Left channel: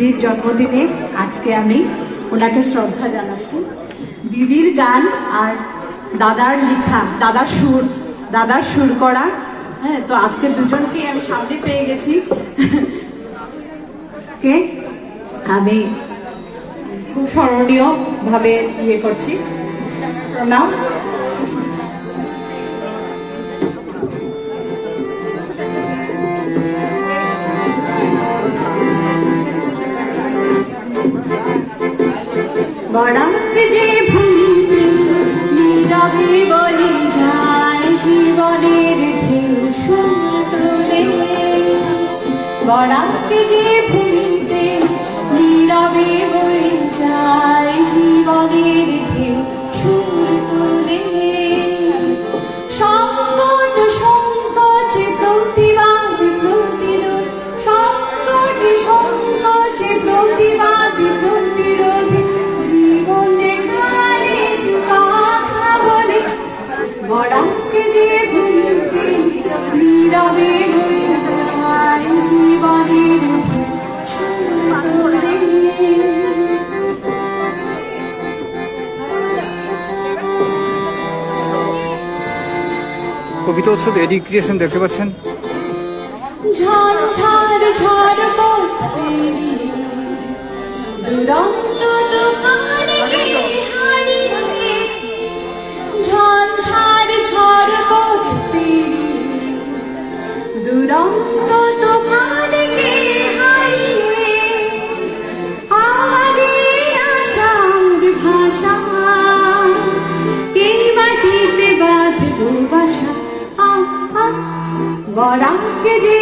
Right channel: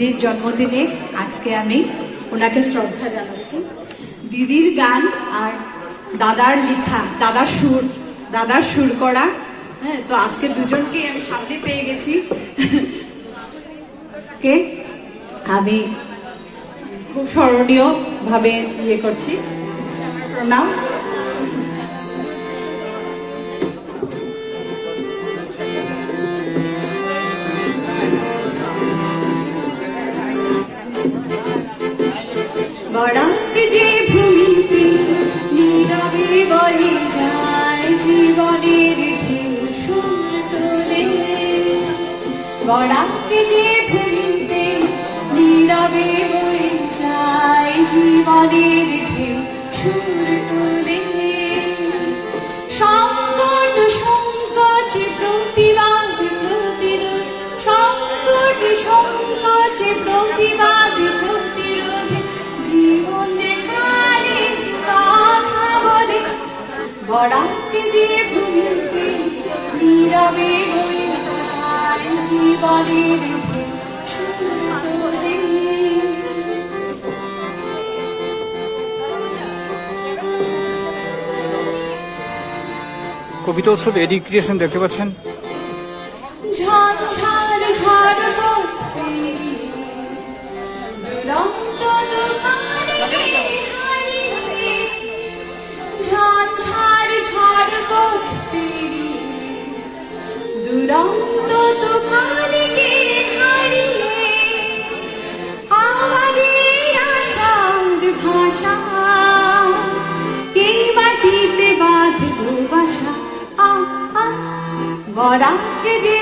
দিদির জন্মদিনে আজকে আমি ওনাকে শ্রদ্ধা জানাচ্ছি। দিদির গান আর দাদার লেখা, দাদার সুর করা, হ্যাঁ, তো আজকে দুজনকেই আমি সামনে পেয়ে গেছি। কে আমি খুব স্মরণীয় ভাবে ইয়ে করছি, প্রণাম। বরাক যে ভূমিতে নীরবে বয়ে যায় জীবনের ঢেউ সুর তোলে, বরাক যে ভূমিতে নীরবে বয়ে যায় জীবনের ঢেউ সুর তোলে। সংকট সংকোচ প্রতিবাদ প্রতিরোধ, সংকট সংকোচ প্রতিবাদ প্রতিরোধ, জীবন যেখানে কথা বলে, বরাক যে ভূমিতে নীরবে বয়ে যায় জীবনের সুর তোলে। কবিতা উৎসব এডুকেশন দেখতে পাচ্ছেন। ঝড় ঝড় ঝড় পথ পেরিয়ে দুরন্ত তুফানকে হারিয়ে, ঝড় ঝড় ঝড় পথ পেরিয়ে দুরন্ত তুফানকে হারিয়ে, আমাদের আশার ভাষা এই মাটিতে বাঁধবো বাসা। বরাক যে